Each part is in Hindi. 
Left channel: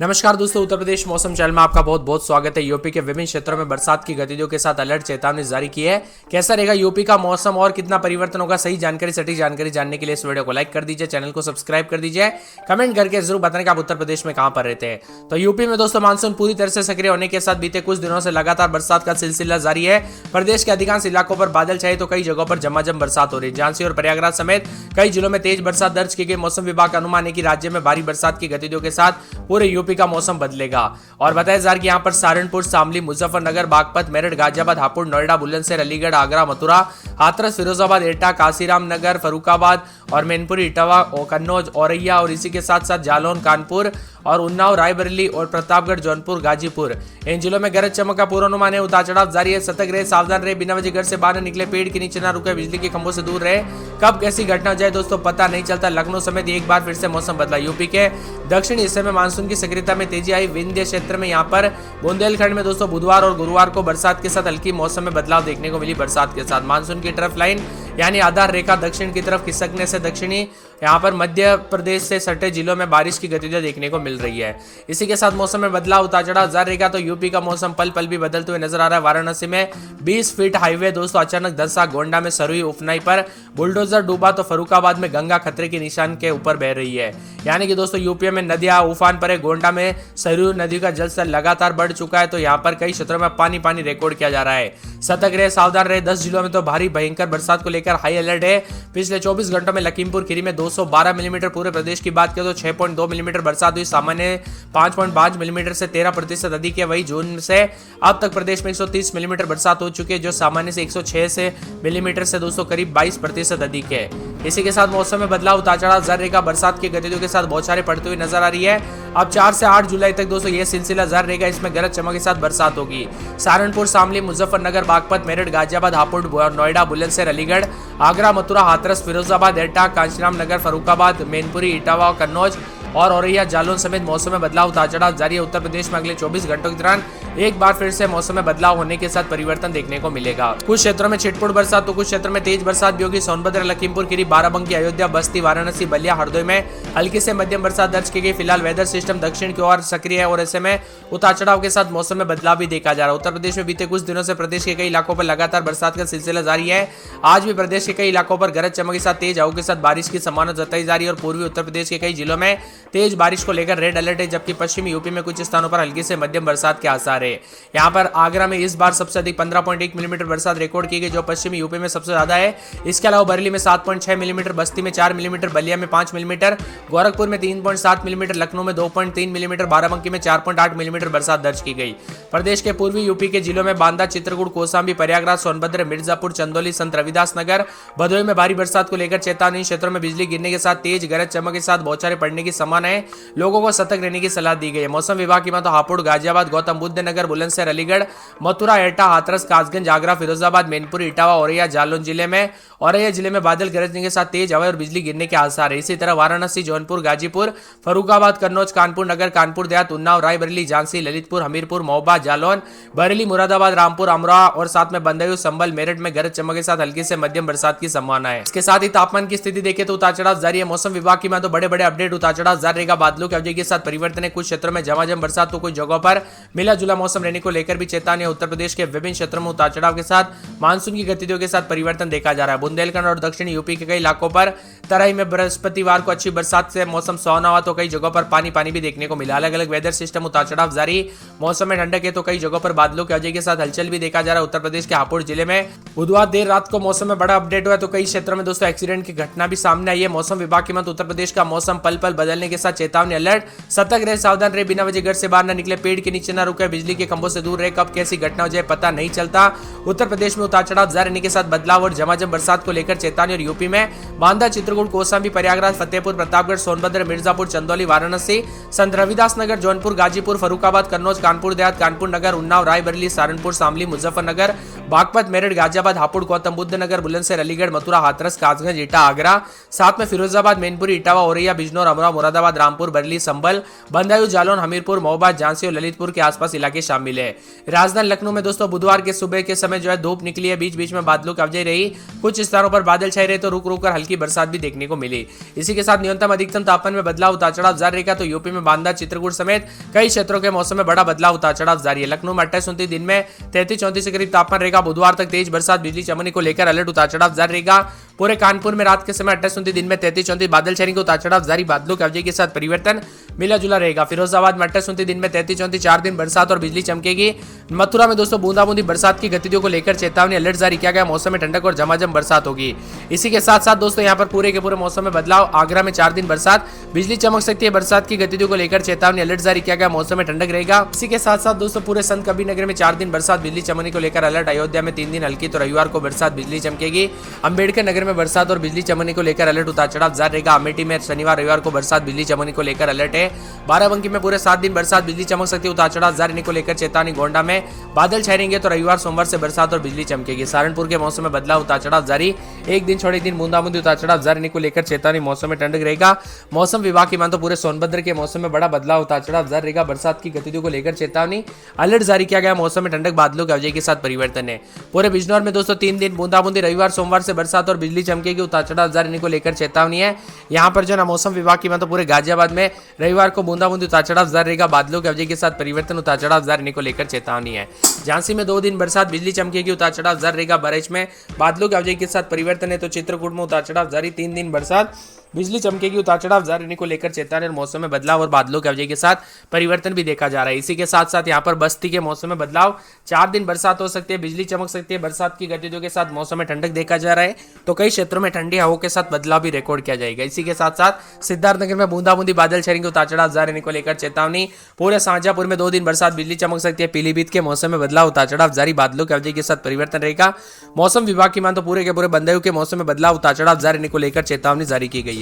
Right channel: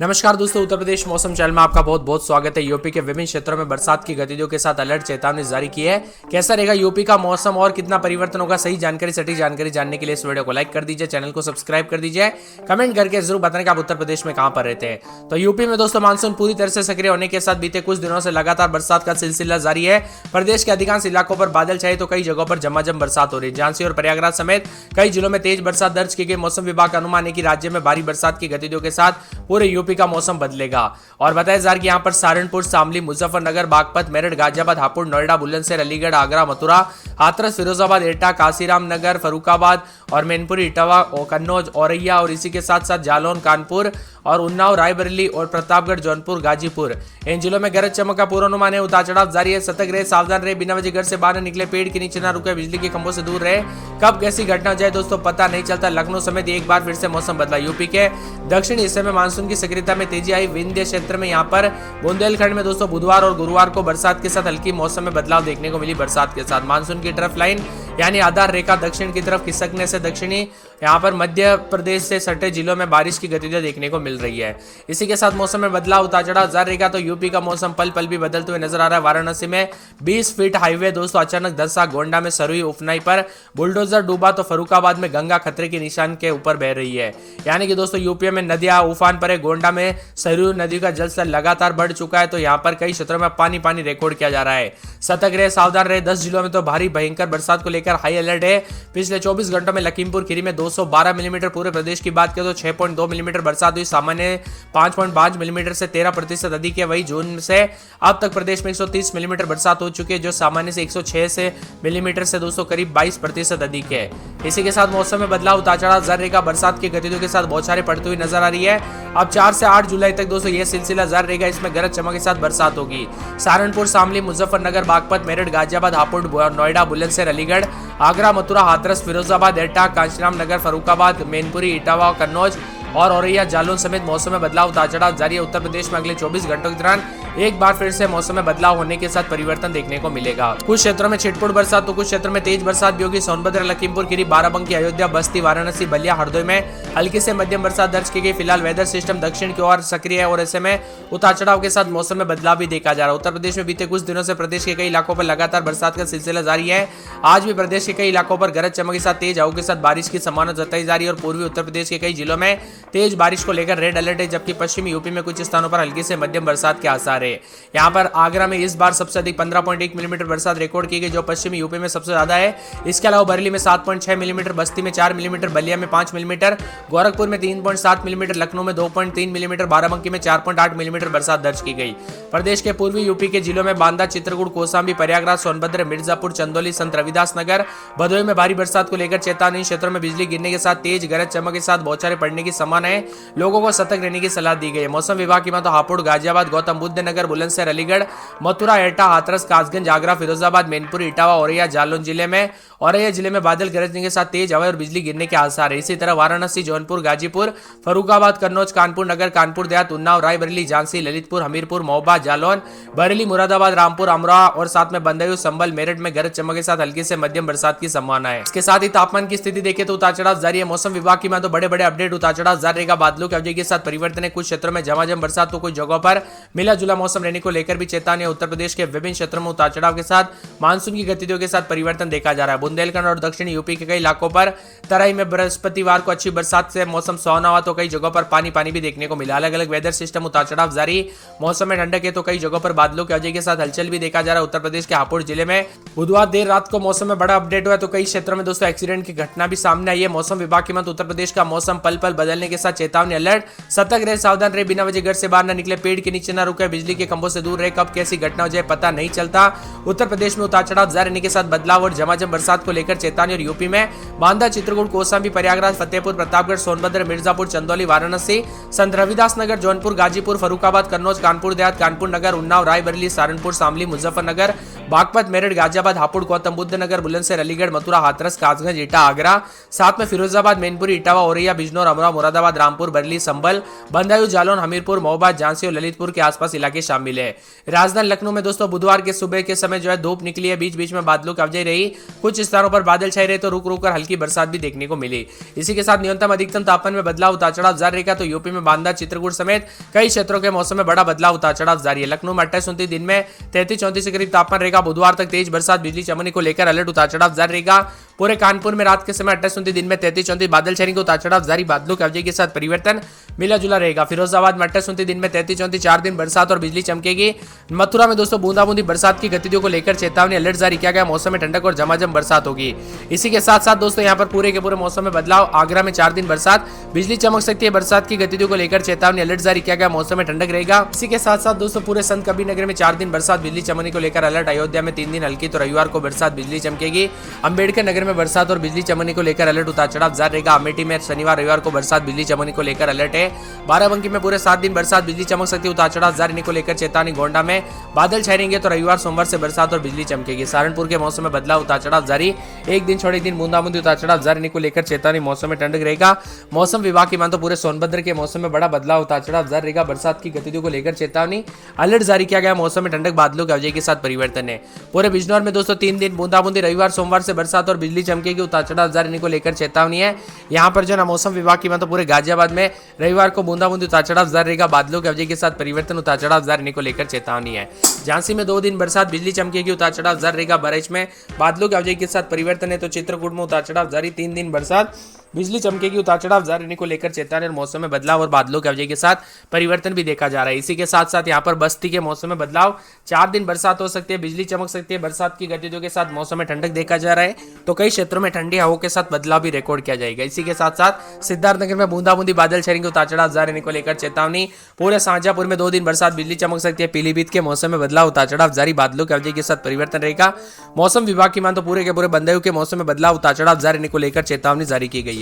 नमस्कार दोस्तों, उत्तर प्रदेश मौसम चैनल में आपका बहुत बहुत स्वागत है। यूपी के विभिन्न क्षेत्रों में बरसात की गतिविधियों के साथ अलर्ट चेतावनी जारी की है। कैसा रहेगा यूपी का मौसम और कितना परिवर्तन होगा, सही जानकारी सटीक जानकारी जानने के लिए इस वीडियो को लाइक कर दीजिए, चैनल को सब्सक्राइब कर दीजिए, कमेंट करके जरूर बताने कि आप उत्तर प्रदेश में कहां पर रहते हैं। तो यूपी में दोस्तों मानसून पूरी तरह से सक्रिय होने के साथ बीते कुछ दिनों से लगातार बरसात का सिलसिला जारी है। प्रदेश के अधिकांश इलाकों पर बादल छाए तो कई जगहों पर झमाझम बरसात हो रही है। झांसी और प्रयागराज समेत कई जिलों में तेज बरसात दर्ज की गई। मौसम विभाग का अनुमान है कि राज्य में भारी बरसात की गतिविधियों के साथ पूरे यूपी का मौसम बदलेगा। और बताया जा रहा है कि यहाँ पर सहारनपुर, शामली, मुजफ्फरनगर, बागपत, मेरठ, गाजियाबाद, हापुड़, नोएडा, बुलंदशहर, अलीगढ़, आगरा, मथुरा, हाथरस, फिरोजाबाद, एटा, काशीराम नगर, फर्रुखाबाद और मैनपुरी, इटावा, कन्नौज, औरैया और इसी के साथ साथ जालौन, कानपुर और उन्नाव, रायबरेली और प्रतापगढ़, जौनपुर, गाजीपुर, इन जिलों में गरज चमक का पूर्वानुमान है। उतार चढ़ाव जारी है। सतर्क रहे, सावधान रहे, बिना वजह घर से बाहर निकले, पेड़ के नीचे ना रुके, बिजली के खंभों से दूर रहे। कब कैसी घटना हो जाए दोस्तों पता नहीं चलता। लखनऊ समेत एक बार फिर से मौसम बदला। यूपी के दक्षिणी हिस्से में मानसून की सक्रियता में तेजी आई। विंध्य क्षेत्र में यहाँ पर बुंदेलखंड में दोस्तों बुधवार और गुरुवार को बरसात के साथ हल्की मौसम में बदलाव देखने को मिली। बरसात के साथ मानसून की ट्रफ लाइन यानी आधार रेखा दक्षिण की तरफ खिसकने से दक्षिणी यहाँ पर मध्य प्रदेश से सटे जिलों में बारिश की गतिविधियां देखने को मिल रही है। इसी के साथ मौसम में बदलाव उतार चढ़ाव जारी रहेगा। तो यूपी का मौसम पल पल भी बदलते हुए नजर आ रहा है। वाराणसी में 20 फीट हाईवे दोस्तों अचानक धंसा। गोंडा में सरुई उफनाई पर बुलडोजर डूबा तो फर्रुखाबाद में गंगा खतरे के निशान के ऊपर बह रही है। यानी कि दोस्तों यूपी में नदियां उफान पर है। गोंडा में सरयू नदी का जलस्तर लगातार बढ़ चुका है। तो यहाँ पर कई क्षेत्रों में पानी पानी रिकॉर्ड किया जा रहा है। सतर्क रहे, सावधान रहे। 10 जिलों में तो भारी भयंकर बरसात को लेकर हाई अलर्ट है। पिछले 24 घंटों में लखीमपुर खीरी में 212 मिलीमीटर, पूरे प्रदेश की बात करें तो 6.2 मिलीमीटर बरसात हुई। सामान्य 5.5 मिलीमीटर से 13% अधिक है। वही जून से अब तक प्रदेश में 130 मिलीमीटर बरसात हो चुकी है, जो सामान्य से 106 से मिलीमीटर से दोस्तों करीब 22% अधिक है। इसी के साथ मौसम में बदलाव उतार चढ़ाव जारी रहेगा। बरसात की गतिविधियों के साथ बौछारें पड़ती हुई नजर आ रही है। अब 4 से 8 जुलाई तक दोस्तों यह सिलसिला जारी रहेगा। इसमें गरज चमक के साथ बरसात होगी। सहारनपुर, शामली, मुजफ्फरनगर, बागपत, मेरठ, गाजियाबाद, हापुड़, नोएडा, बुलंदशहर, अलीगढ़, आगरा, मथुरा, हाथरस, फिरोजाबाद, एटा, काशीराम नगर, फर्रुखाबाद, मैनपुरी, इटावा, कन्नौज और औरैया, जालौन समेत मौसम में बदलाव उतार चढ़ाव जारी है। उत्तर प्रदेश में अगले 24 घंटों के दौरान एक बार फिर से मौसम में बदलाव होने के साथ परिवर्तन देखने को मिलेगा। कुछ क्षेत्रों में छिटपुट बरसात तो कुछ क्षेत्रों में तेज बरसात भी होगी। सोनभद्र, लखीमपुर खीरी, बाराबंकी, अयोध्या, बस्ती, वाराणसी, बलिया, हरदोई में हल्की से मध्यम बरसात दर्ज की गई। फिलहाल वेदर सिस्टम दक्षिण की ओर सक्रिय है और ऐसे में उतार चढ़ाव के साथ मौसम में बदलाव भी देखा जा रहा है। उत्तर प्रदेश में बीते कुछ दिनों से प्रदेश के कई इलाकों पर लगातार बरसात का सिलसिला जारी है। आज भी प्रदेश के कई इलाकों पर गरज चमक के साथ तेज हवाओं के साथ बारिश की संभावना जताई जा रही है और पूर्वी उत्तर प्रदेश के कई जिलों में तेज बारिश को लेकर रेड अलर्ट है, जबकि पश्चिमी यूपी में कुछ स्थानों पर हल्की से मध्यम बरसात के आसार है। यहाँ पर आगरा में इस बार सबसे अधिक 15.1 मिलीमीटर बरसात रिकॉर्ड की गई, जो पश्चिमी यूपी में सबसे ज्यादा है। इसके अलावा बरेली में 7.6 मिलीमीटर, बस्ती में 4 मिलीमीटर, बलिया में 5 मिलीमीटर, गोरखपुर में 3.7 मिलीमीटर, लखनऊ में 2.3 मिलीमीटर, बाराबंकी में 4.8 मिलीमीटर बरसात दर्ज की गई। प्रदेश के पूर्वी यूपी के जिलों में बांदा, चित्रकूट, कौशाम्बी, प्रयागराज, सोनभद्र, मिर्जापुर, चंदौली, संत रविदास नगर, भदोही में भारी बरसात को लेकर चेतावनी। क्षेत्रों में बिजली गिरने के साथ तेज गरज चमक के साथ बौछारें पड़ने की संभावना है। लोगों को सतर्क रहने की सलाह दी गई है। मौसम विभाग की मानो हापुड़, गाजियाबाद, गौतम बुद्ध नगर, बुलंदशहर, अलीगढ़, मथुरा, एटा, हाथरस, कासगंज, आगरा, फिरोजाबाद, मैनपुरी, इटावा, औरैया, जालौन जिले में बादल गरजने के साथ तेज हवा और बिजली गिरने के आसार है। इसी तरह वाराणसी, जौनपुर, गाजीपुर, फर्रुखाबाद, कन्नौज, कानपुर नगर, कानपुर देहात, उन्नाव, रायबरेली, झांसी, ललितपुर, हमीरपुर, महोबा, जालौन, बरेली, मुरादाबाद, रामपुर, अमरोहा और साथ में बदायूं, संभल, मेरठ में गरज चमक के साथ हल्की से मध्यम बरसात की संभावना है। इसके साथ ही तापमान की स्थिति देखें तो उतार चढ़ाव जारी है। मौसम विभाग की तो बड़े बड़े अपडेट उतार चढ़ाव जारी रहेगा। बादलों की अवधि के साथ परिवर्तन है। कुछ क्षेत्रों में झमाझम बरसात तो कुछ जगहों पर मिला जुला मौसम रहने को लेकर भी चेतावनी है। उत्तर प्रदेश के विभिन्न क्षेत्रों में उतार चढ़ाव के साथ मानसून की गतिविधियों के साथ परिवर्तन देखा जा रहा है। बुंदेलखंड और दक्षिणी यूपी के कई इलाकों पर तराई में बृहस्पतिवार को अच्छी बरसात से मौसम सुहावना हुआ तो कई जगहों पर पानी पानी भी देखने को मिला। अलग अलग वेदर सिस्टम उतार चढ़ाव जारी। मौसम में ठंडक है तो कई जगहों पर बादलों की वजह के साथ हलचल भी देखा जा रहा है। उत्तर प्रदेश के हापुड़ जिले में बुधवार देर रात को मौसम में बड़ा अपडेट हुआ तो कई क्षेत्रों में दोस्तों एक्सीडेंट की घटना भी सामने आई है। मौसम विभाग की मत उत्तर प्रदेश का मौसम पल पल बदलने के साथ चेतावनी अलर्ट। सतर्क रहे, सावधान रहे, बिना वजह घर से बाहर न निकले, पेड़ के नीचे न रुके, बिजली के खंभों से दूर रहे। कब कैसी घटना हो जाए पता नहीं चलता। उत्तर प्रदेश में उतार चढ़ाव जारी रहने के साथ बदलाव और झमाझम बरसात को लेकर चेतावनी। और यूपी में बांदा, चित्रकूट, कौशाम्बी, प्रयागराज, फतेहपुर, प्रतापगढ़, सोनभद्र, मिर्जापुर, चंदौली, वाराणसी, संत रविदास नगर, जौनपुर, गाजीपुर, फर्रुखाबाद, कन्नौज, कानपुर देहात, कानपुर नगर, उन्नाव, रायबरेली, सहारनपुर, शामली, मुजफ्फरनगर, बागपत, मेरठ, गाजियाबाद, हापुड़, गौतम बुद्ध नगर, बुलंदशहर, अलीगढ़, मथुरा, हाथरस, कासगंज, एटा, आगरा, साथ में फिरोजाबाद, मैनपुरी, इटावा, औरैया, बिजनौर, अमरोहा, मुरादाबाद, रामपुर, बरेली, संभल, बदायूं, जालौन, हमीरपुर, महोबा, झांसी और ललितपुर के आसपास इलाके शामिल है। राजधानी लखनऊ में दोस्तों बुधवार के सुबह के समय जो है धूप निकली है, बीच बीच में बादलों की आवाजाही रही, कुछ स्थानों पर बादल छाए रहे तो रुक रुक कर हल्की बरसात भी देखने को मिली। इसी के साथ न्यूनतम अधिकतम तापमान में बदलाव उतार चढ़ाव जारी रहेगा। तो यूपी में बांदा, चित्रकूट समेत कई क्षेत्रों के मौसम में बड़ा बदलाव उतार चढ़ाव जारी है। लखनऊ में 28 दिन में 33-34 के करीब तापमान रहेगा। बुधवार तक तेज बरसात, बिजली चमकने को लेकर अलर्ट उतार चढ़ाव जारी रहेगा। पूरे कानपुर में रात के समय 28 दिन में 33-34 बादल छाएंगे तो उतार चढ़ाव जारी, बादलों के अवजय के साथ परिवर्तन मिला जुला रहेगा। फिरोजाबाद में 28 दिन में 33-34 4 दिन बरसात और बिजली चमकेगी। मथुरा में दोस्तों बूंदाबूंदी बरसात की गतिविधियों को लेकर चेतावनी अलर्ट जारी किया गया। मौसम में ठंडक और झमाझम बरसात होगी। इसी के साथ साथ दोस्तों यहाँ पर पूरे के पूरे मौसम में बदलाव। आगरा में 4 दिन बरसात, बिजली चमक सकती है। बरसात की गतिविधियों को लेकर चेतावनी अलर्ट जारी किया गया। मौसम में ठंडक रहेगा। इसी के साथ साथ दोस्तों पूरे संत कबीर नगर में 4 दिन बरसात, बिजली चमकने को लेकर अलर्ट। अयोध्या में 3 दिन हल्की तो रविवार को बरसात, बिजली चमकेगी। अंबेडकर नगर में बरसात और बिजली चमकने को लेकर अलर्ट उतार चढ़ाव जारी रहेगा। अमेठी में शनिवार रविवार को बरसात, बिजली चमकने को लेकर अलर्ट है। बाराबंकी में पूरे 7 दिन बरसात, बिजली चमक सकती है। उतार चढ़ाव जारी रहने को लेकर चेतावनी। गोंडा में बादल छाएंगे तो रविवार सोमवार से बरसात और बिजली चमकेगी। सहारनपुर के मौसम में बदलाव, उतार चढ़ाव जारी, एक दिन छोड़े दिन बूंदाबूंदी उतार चढ़ाव जारी रहने को लेकर चेतावनी। मौसम में ठंडक रहेगा। मौसम विभाग की मान तो पूरे सोनभद्र के मौसम में बड़ा बदलाव, उतार चढ़ाव जारी रहेगा। बरसात की गतिविधियों को लेकर चेतावनी अलर्ट जारी किया गया। मौसम में ठंडक, बादलों के अवजय के साथ परिवर्तन है। पूरे बिजनौर में दोस्तों 3 दिन बूंदाबूंदी, रविवार सोमवार से बरसात और बिजली चमकेगी। उतार चढ़ाव जारी रहने को लेकर चेतावनी है। यहाँ पर जो ना मौसम विभाग की मान तो पूरे गाजियाबाद में रविवार को बूंदाबूंदी, उतार चढ़ाव जारी रहेगा। बादलों के अवजय के साथ परिवर्तन, उतार चढ़ाव जारी रहने को लेकर चेतावनी है। झांसी में 2 दिन बरसात, बिजली चमकेगी। उतार चढ़ाव जारी रहेगा। बरेच में बादलों के अवजय के साथ परिवर्तन है। तो चित्रकूट में उतार चढ़ाव जारी, 3 दिन बरसात, बिजली चमकेगी। उतार चढ़ाव जारी रहने को लेकर चेतावनी और मौसम में बदलाव और बादलों के अवजय के साथ परिवर्तन भी देखा जा रहा है। इसी के साथ साथ यहाँ पर बस्ती के मौसम में बदलाव, 4 दिन बरसात हो सकती है, बिजली चमक सकती है। बरसात की गतिविधियों के साथ मौसम में ठंडक देखा जा रहा है। तो कई क्षेत्रों में ठंडी हवाओं के साथ बदलाव भी रिकॉर्ड किया जाएगा। इसी के साथ साथ सिद्धार्थनगर में बूंदाबूंदी बादल छाएंगे। उतार चढ़ाव जारी रहने को लेकर चेतावनी। पूरे शाहजहांपुर में 2 दिन बरसात, बिजली चमक सकती है। पीलीभीत के मौसम में बदलाव, उतार चढ़ाव जारी, बादलों के अवजय के साथ परिवर्तन रहेगा। मौसम विभाग की मान तो पूरे के पूरे बदायूं के मौसम में बदलाव, उतार चढ़ाव जारी रहने को लेकर चेतावनी जारी की गई है।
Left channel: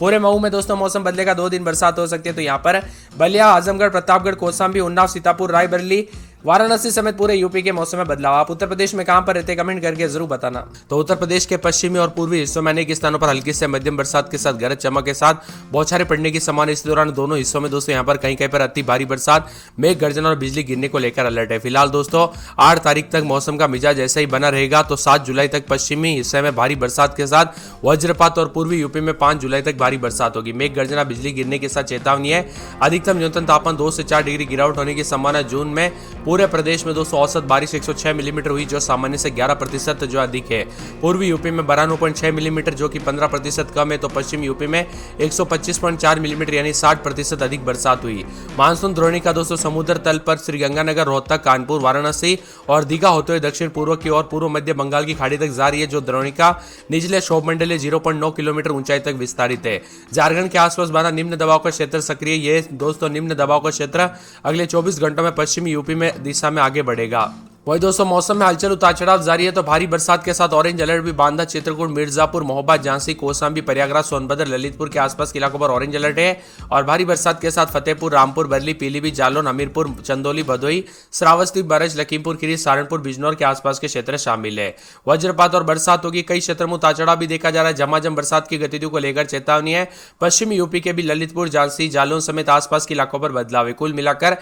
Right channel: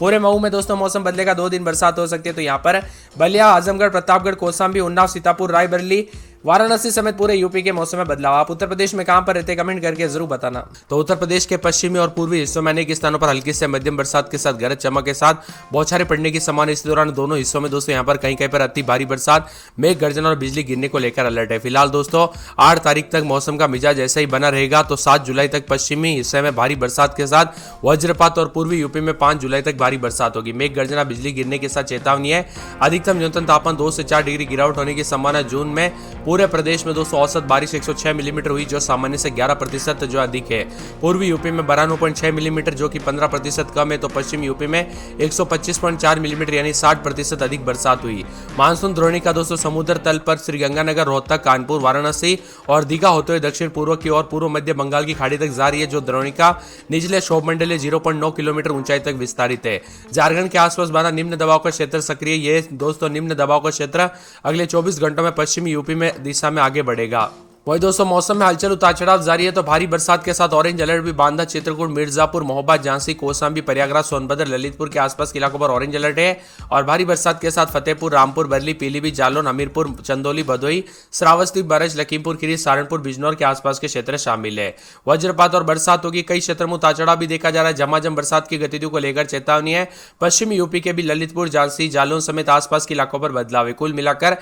पूरे मऊ में दोस्तों मौसम बदलेगा, 2 दिन बरसात हो सकती है। तो यहाँ पर बलिया, आजमगढ़, प्रतापगढ़, कौशाम्बी, उन्नाव, सीतापुर, रायबरेली, वाराणसी समेत पूरे यूपी के मौसम में बदलाव। आप उत्तर प्रदेश में कहां पर रहते कमेंट करके जरूर बताना। तो उत्तर प्रदेश के पश्चिमी और पूर्वी हिस्सों में अनेक स्थानों पर हल्की से मध्यम बरसात के साथ गरज चमक के साथ बौछारें पड़ने की संभावना। इस दौरान दोनों हिस्सों में दोस्तों यहाँ पर कहीं कहीं पर अति भारी बरसात, मेघ गर्जन और बिजली गिरने को लेकर अलर्ट है। फिलहाल दोस्तों 8 तारीख तक मौसम का मिजाज ऐसा ही बना रहेगा। तो 7 जुलाई तक पश्चिमी हिस्से में भारी बरसात के साथ वज्रपात और पूर्वी यूपी में 5 जुलाई तक भारी बरसात होगी। मेघ गर्जना, बिजली गिरने के साथ चेतावनी है। अधिकतम न्यूनतम तापमान 2 से 4 डिग्री गिरावट होने की संभावना। जून में पूरे प्रदेश में दोस्तों औसत बारिश 106 मिलीमीटर हुई, जो सामान्य से 11% जो अधिक है। पूर्वी यूपी में 92.6 मिलीमीटर, जो कि 15% कम है। तो पश्चिम यूपी में 125.4 मिलीमीटर यानी 60% अधिक बरसात हुई। मानसून द्रोणिका दोस्तों समुद्र तल पर श्रीगंगानगर, रोहतक, कानपुर, वाराणसी और दीघा होते हुए दक्षिण पूर्व की ओर पूर्व मध्य बंगाल की खाड़ी तक जा रही है। जो द्रोणिका निचले क्षोभमंडलीय 0.9 किलोमीटर ऊंचाई तक विस्तारित है। झारखंड के आसपास बना निम्न दबाव का क्षेत्र सक्रिय। ये दोस्तों निम्न दबाव का क्षेत्र अगले 24 घंटों में पश्चिमी यूपी में दिशा में आगे बढ़ेगा। वही दोस्तों मौसम में हलचल, उतार चढ़ाव जारी है। तो भारी बरसात के साथ ऑरेंज अलर्ट भी बांदा, चित्रकूट, मिर्जापुर, महोबा, झांसी, कौशाम्बी, प्रयागराज, सोनभद्र, ललितपुर के आसपास के इलाकों पर ऑरेंज अलर्ट है। और भारी बरसात के साथ फतेहपुर, रामपुर, बरेली, पीलीभीत, जालौन, हमीरपुर, चंदौली, भदोही, श्रावस्ती, बरस, लखीमपुर खीरी, सहारनपुर, बिजनौर के आसपास के क्षेत्र शामिल है। वज्रपात और बरसात होगी। कई क्षेत्रों में उतार चढ़ाव भी देखा जा रहा है। झमाझम बरसात की गतिविधियों को लेकर चेतावनी है। पश्चिमी यूपी के भी ललितपुर, झांसी, जालौन समेत आसपास के इलाकों पर बदलाव है। कुल मिलाकर